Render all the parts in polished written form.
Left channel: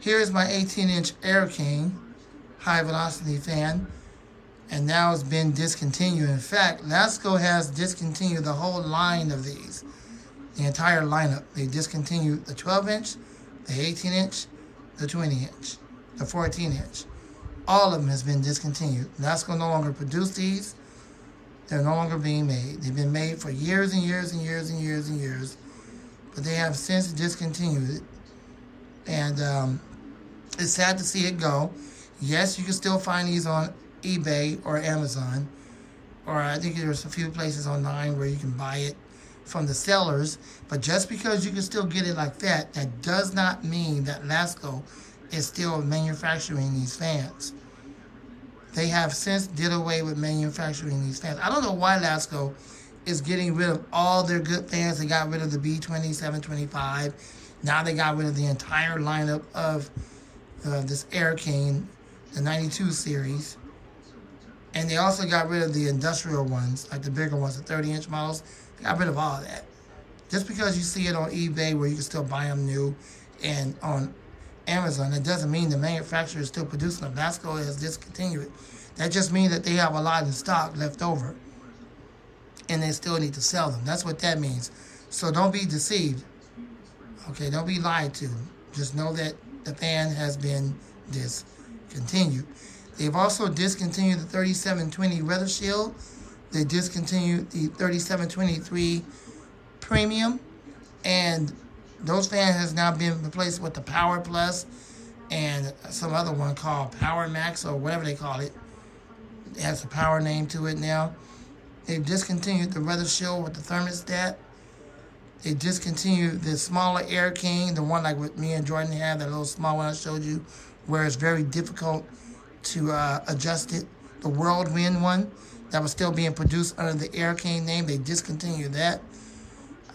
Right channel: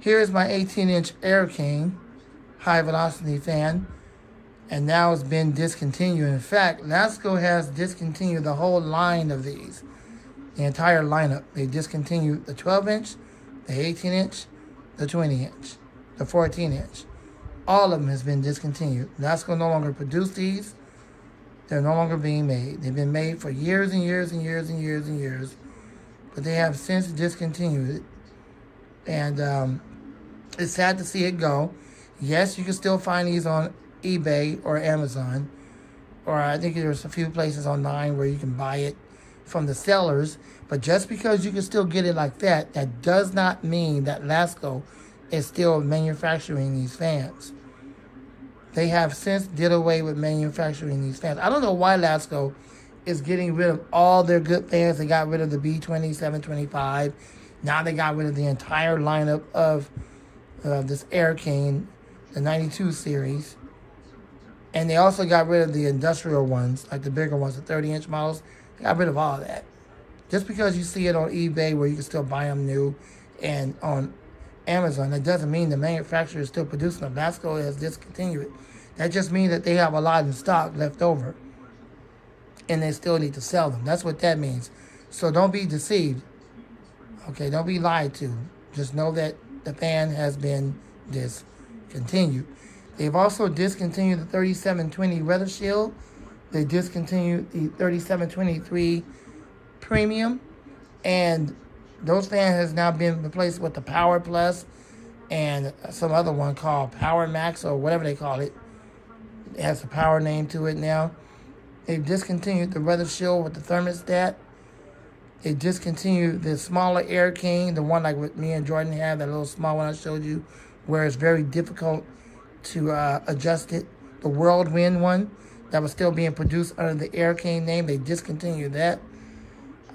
Here is my 18-inch Air King high velocity fan, and now it's been discontinued. In fact, LASCO has discontinued the whole line of these, the entire lineup. They discontinued the 12-inch, the 18-inch, the 20-inch, the 14-inch. All of them has been discontinued. LASCO no longer produce these. They're no longer being made. They've been made for years and years and years and years and years, but they have since discontinued it. And it's sad to see it go. Yes, you can still find these on eBay or Amazon, or I think there's a few places online where you can buy it from the sellers. But just because you can still get it like that, that does not mean that LASCO is still manufacturing these fans. They have since did away with manufacturing these fans. I don't know why LASCO is getting rid of all their good fans. They got rid of the B20, 725. Now they got rid of the entire lineup of this Air King, the 92 series. And they also got rid of the industrial ones, like the bigger ones, the 30-inch models. They got rid of all of that. Just because you see it on eBay where you can still buy them new and on Amazon, that doesn't mean the manufacturer is still producing them. LASCO has discontinued it. That just means that they have a lot in stock left over, and they still need to sell them. That's what that means. So don't be deceived. Okay, don't be lied to. Just know that the fan has been discontinued. They've also discontinued the 3720 Weather Shield. They discontinued the 3723 Premium, and those fans has now been replaced with the Power Plus and some other one called Power Max or whatever they call it. It has a power name to it now. They've discontinued the Weather Shield with the thermostat. They discontinued the smaller Air King, the one like what me and Jordan have, that little small one I showed you, where it's very difficult to adjust it. The Whirlwind one that was still being produced under the Air King name, they discontinued that.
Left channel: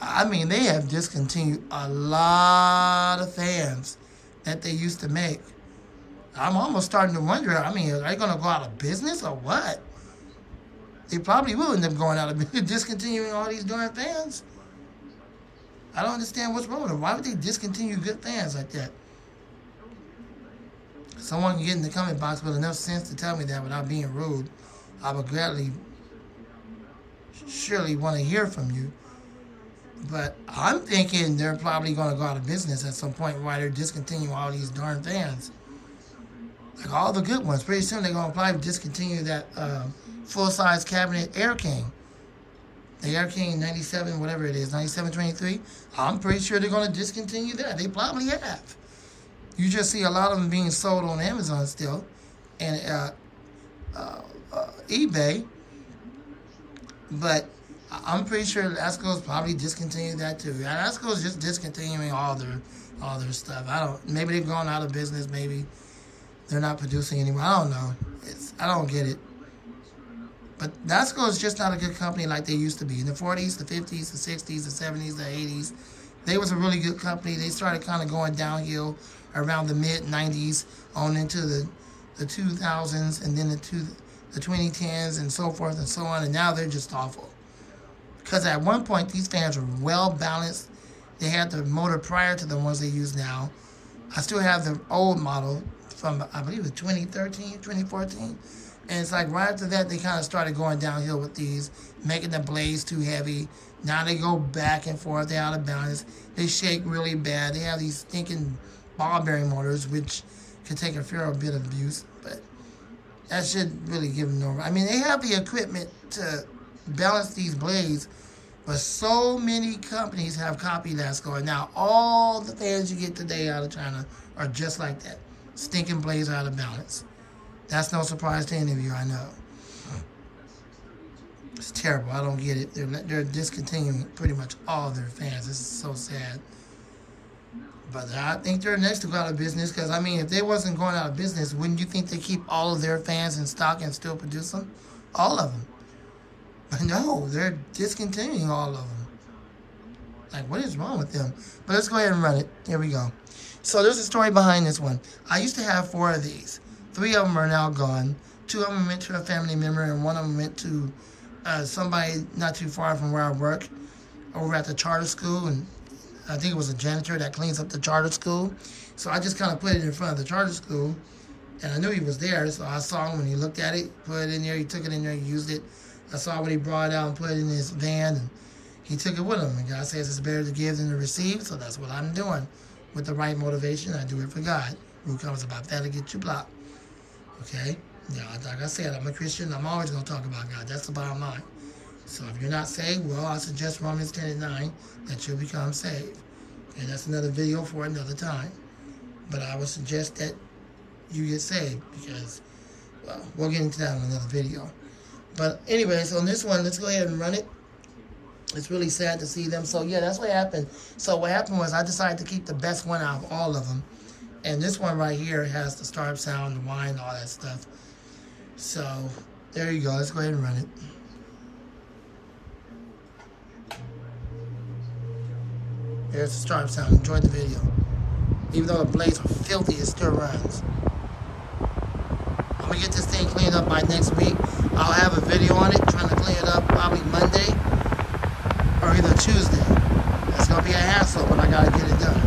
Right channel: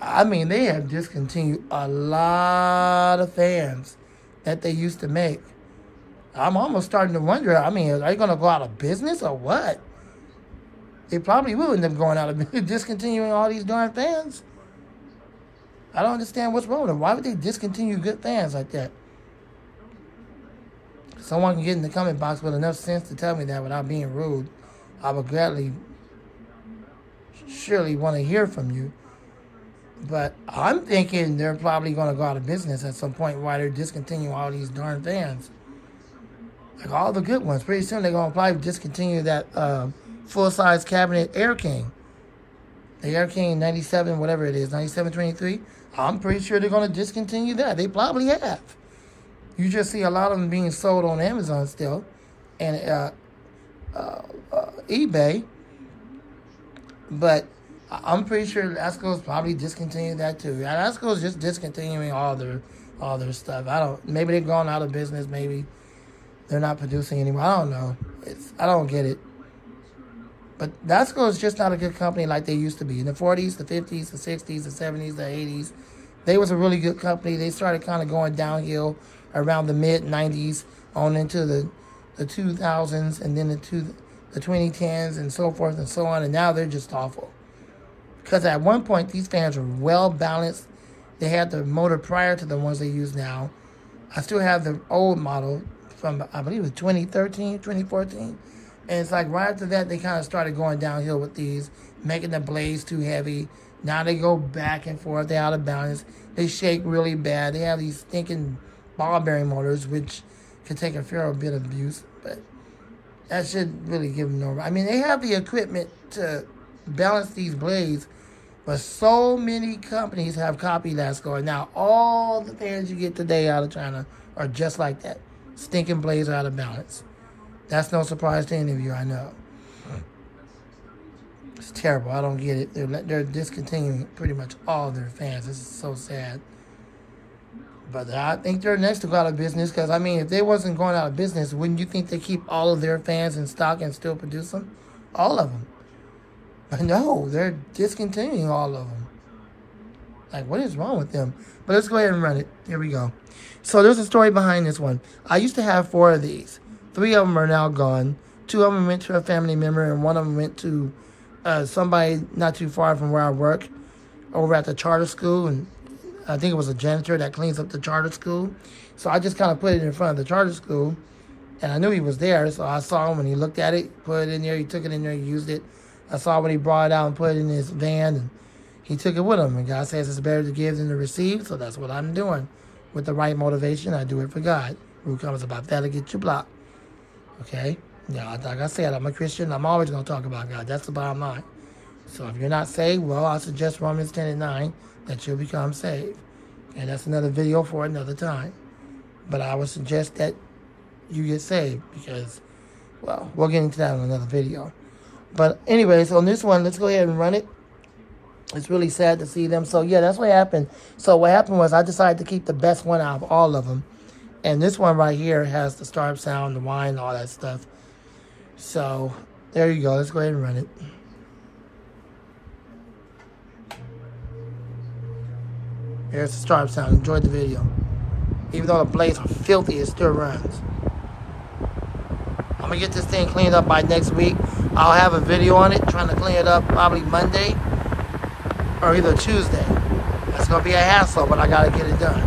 I mean, they have discontinued a lot of fans that they used to make. I'm almost starting to wonder, I mean, are they going to go out of business or what? They probably will end up going out of business, discontinuing all these darn fans. I don't understand what's wrong with them. Why would they discontinue good fans like that? Someone can get in the comment box with enough sense to tell me that without being rude. I would gladly, surely want to hear from you. But I'm thinking they're probably going to go out of business at some point while they're discontinuing all these darn fans. Like all the good ones. Pretty soon they're going to probably discontinue that full-size cabinet Air King. The Air King 97, whatever it is, 9723. I'm pretty sure they're going to discontinue that. They probably have. You just see a lot of them being sold on Amazon still. And eBay. But I'm pretty sure LASCO's probably discontinued that too. LASCO's just discontinuing all their stuff. Maybe they've gone out of business. Maybe they're not producing anymore. I don't know. I don't get it. But LASCO is just not a good company like they used to be. In the 40s, the 50s, the 60s, the 70s, the 80s, they was a really good company. They started kind of going downhill around the mid-90s on into the 2000s and then into the 2010s and so forth and so on. And now they're just awful. Because at one point, these fans were well-balanced. They had the motor prior to the ones they use now. I still have the old model from, I believe it was 2013, 2014. And it's like right after that, they kind of started going downhill with these, making the blades too heavy. Now they go back and forth. They're out of balance. They shake really bad. They have these stinking ball bearing motors, which could take a fair bit of abuse. But that should really give them no... I mean, they have the equipment to balance these blades, but so many companies have copied LASCO. And now all the fans you get today out of China are just like that. Stinking blades are out of balance. That's no surprise to any of you, I know. It's terrible. I don't get it. They're discontinuing pretty much all their fans. This is so sad. But I think they're next to go out of business because, I mean, if they wasn't going out of business, wouldn't you think they keep all of their fans in stock and still produce them? All of them. But no, they're discontinuing all of them. Like, what is wrong with them? But let's go ahead and run it. Here we go. So there's a story behind this one. I used to have 4 of these. 3 of them are now gone. 2 of them went to a family member, and 1 of them went to somebody not too far from where I work, over at the charter school. And I think it was a janitor that cleans up the charter school. So I just kind of put it in front of the charter school, and I knew he was there. So I saw him when he looked at it, put it in there, he took it in there, he used it. I saw when he brought it out and put it in his van, and he took it with him. And God says it's better to give than to receive, so that's what I'm doing. With the right motivation, I do it for God. Rule comes about that to get you blocked. Okay? Now, like I said, I'm a Christian. I'm always going to talk about God. That's the bottom line. So if you're not saved, well, I suggest Romans 10:9 that you'll become saved. And that's another video for another time. But I would suggest that you get saved because, well, we'll get into that in another video. But anyways, on this one, let's go ahead and run it. It's really sad to see them. So, yeah, that's what happened. So what happened was I decided to keep the best one out of all of them. And this one right here has the startup sound, the whine, all that stuff. So, there you go. Let's go ahead and run it. Here's the startup sound. Enjoy the video. Even though the blades are filthy, it still runs. I'm going to get this thing cleaned up by next week. I'll have a video on it, trying to clean it up probably Monday or either Tuesday. That's going to be a hassle, but I got to get it done.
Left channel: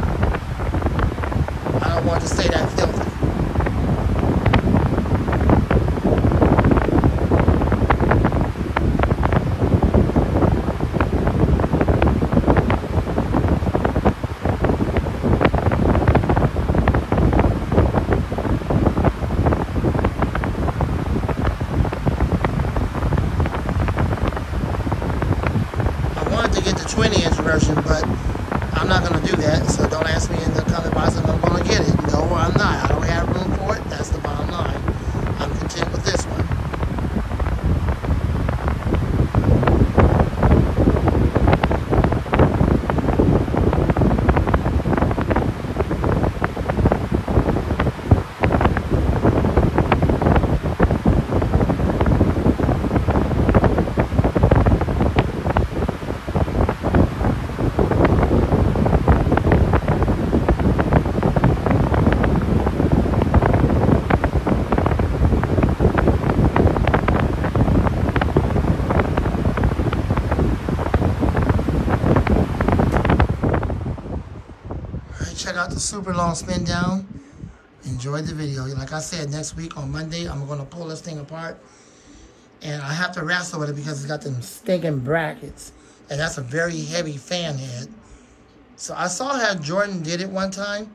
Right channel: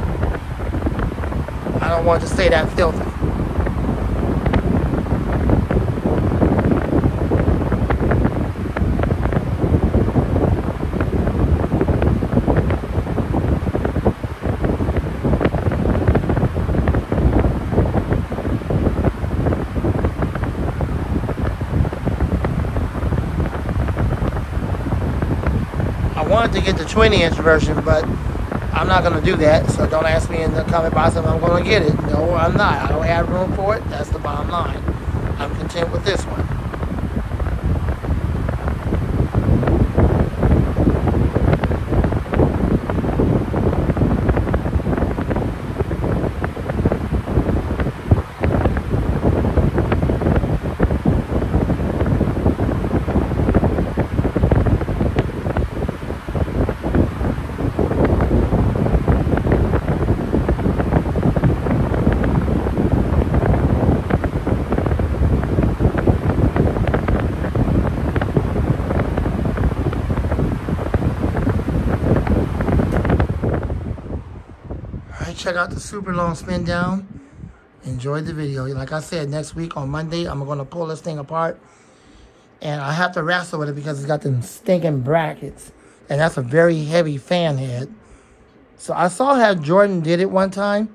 I don't want it to stay that filthy. To get the 20-inch version, but I'm not going to do that, so don't ask me in the comment box if I'm going to get it. No, I'm not. I don't have room for it. That's the bottom line. I'm content with this one. Check out the super long spin down. Enjoy the video. Like I said, next week on Monday, I'm going to pull this thing apart. And I have to wrestle with it because it's got them stinking brackets. And that's a very heavy fan head. So I saw how Jordan did it one time.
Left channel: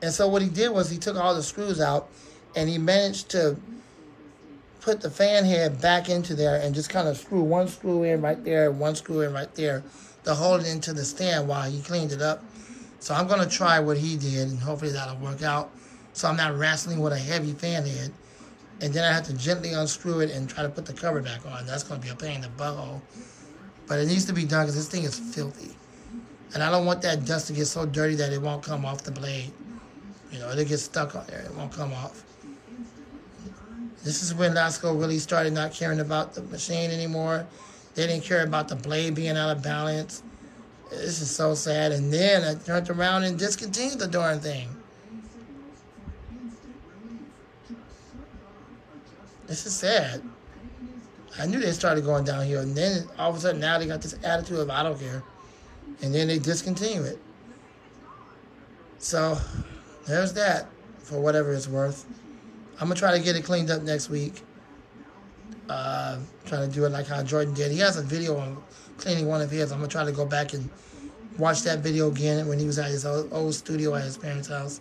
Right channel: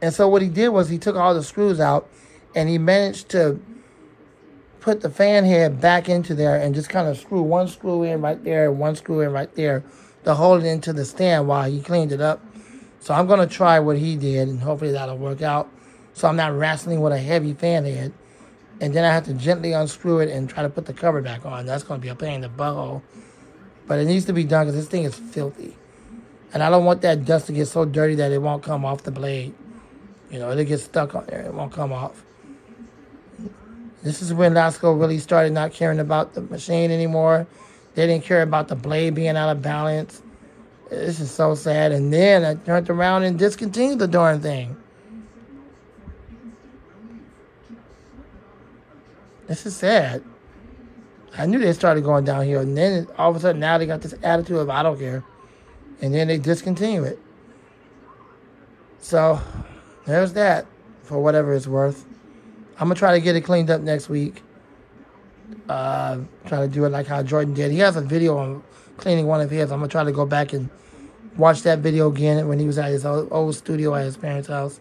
And so what he did was he took all the screws out. And he managed to put the fan head back into there and just kind of screw one screw in right there, one screw in right there to hold it into the stand while he cleaned it up. So I'm going to try what he did, and hopefully that'll work out. So I'm not wrestling with a heavy fan head. And then I have to gently unscrew it and try to put the cover back on. That's going to be a pain in the butthole. But it needs to be done because this thing is filthy. And I don't want that dust to get so dirty that it won't come off the blade. You know, it'll get stuck on there. It won't come off. This is when Lasco really started not caring about the machine anymore. They didn't care about the blade being out of balance. This is so sad. And then I turned around and discontinued the darn thing. This is sad. I knew they started going downhill. And then all of a sudden now they got this attitude of I don't care. And then they discontinue it. So there's that for whatever it's worth. I'm going to try to get it cleaned up next week. Try to do it like how Jordan did. He has a video on cleaning one of his. I'm going to try to go back and watch that video again when he was at his old studio at his parents' house.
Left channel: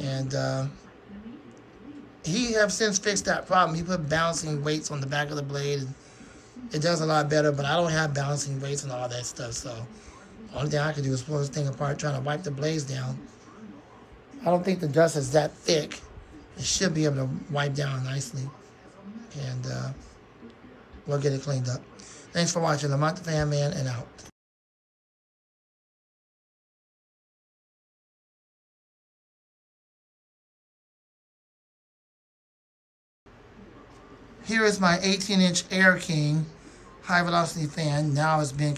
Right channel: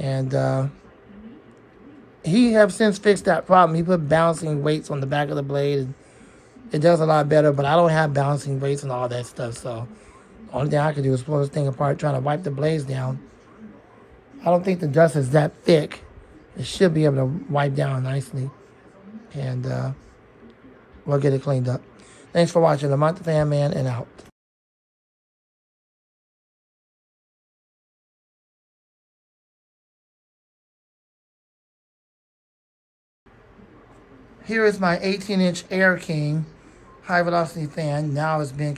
And he has since fixed that problem. He put balancing weights on the back of the blade. And it does a lot better, but I don't have balancing weights and all that stuff. So the only thing I can do is pull this thing apart, trying to wipe the blades down. I don't think the dust is that thick. It should be able to wipe down nicely. And we'll get it cleaned up. Thanks for watching. LAMONT-TheFanMan, and out. Here is my 18-inch Air King high velocity fan. Now it's been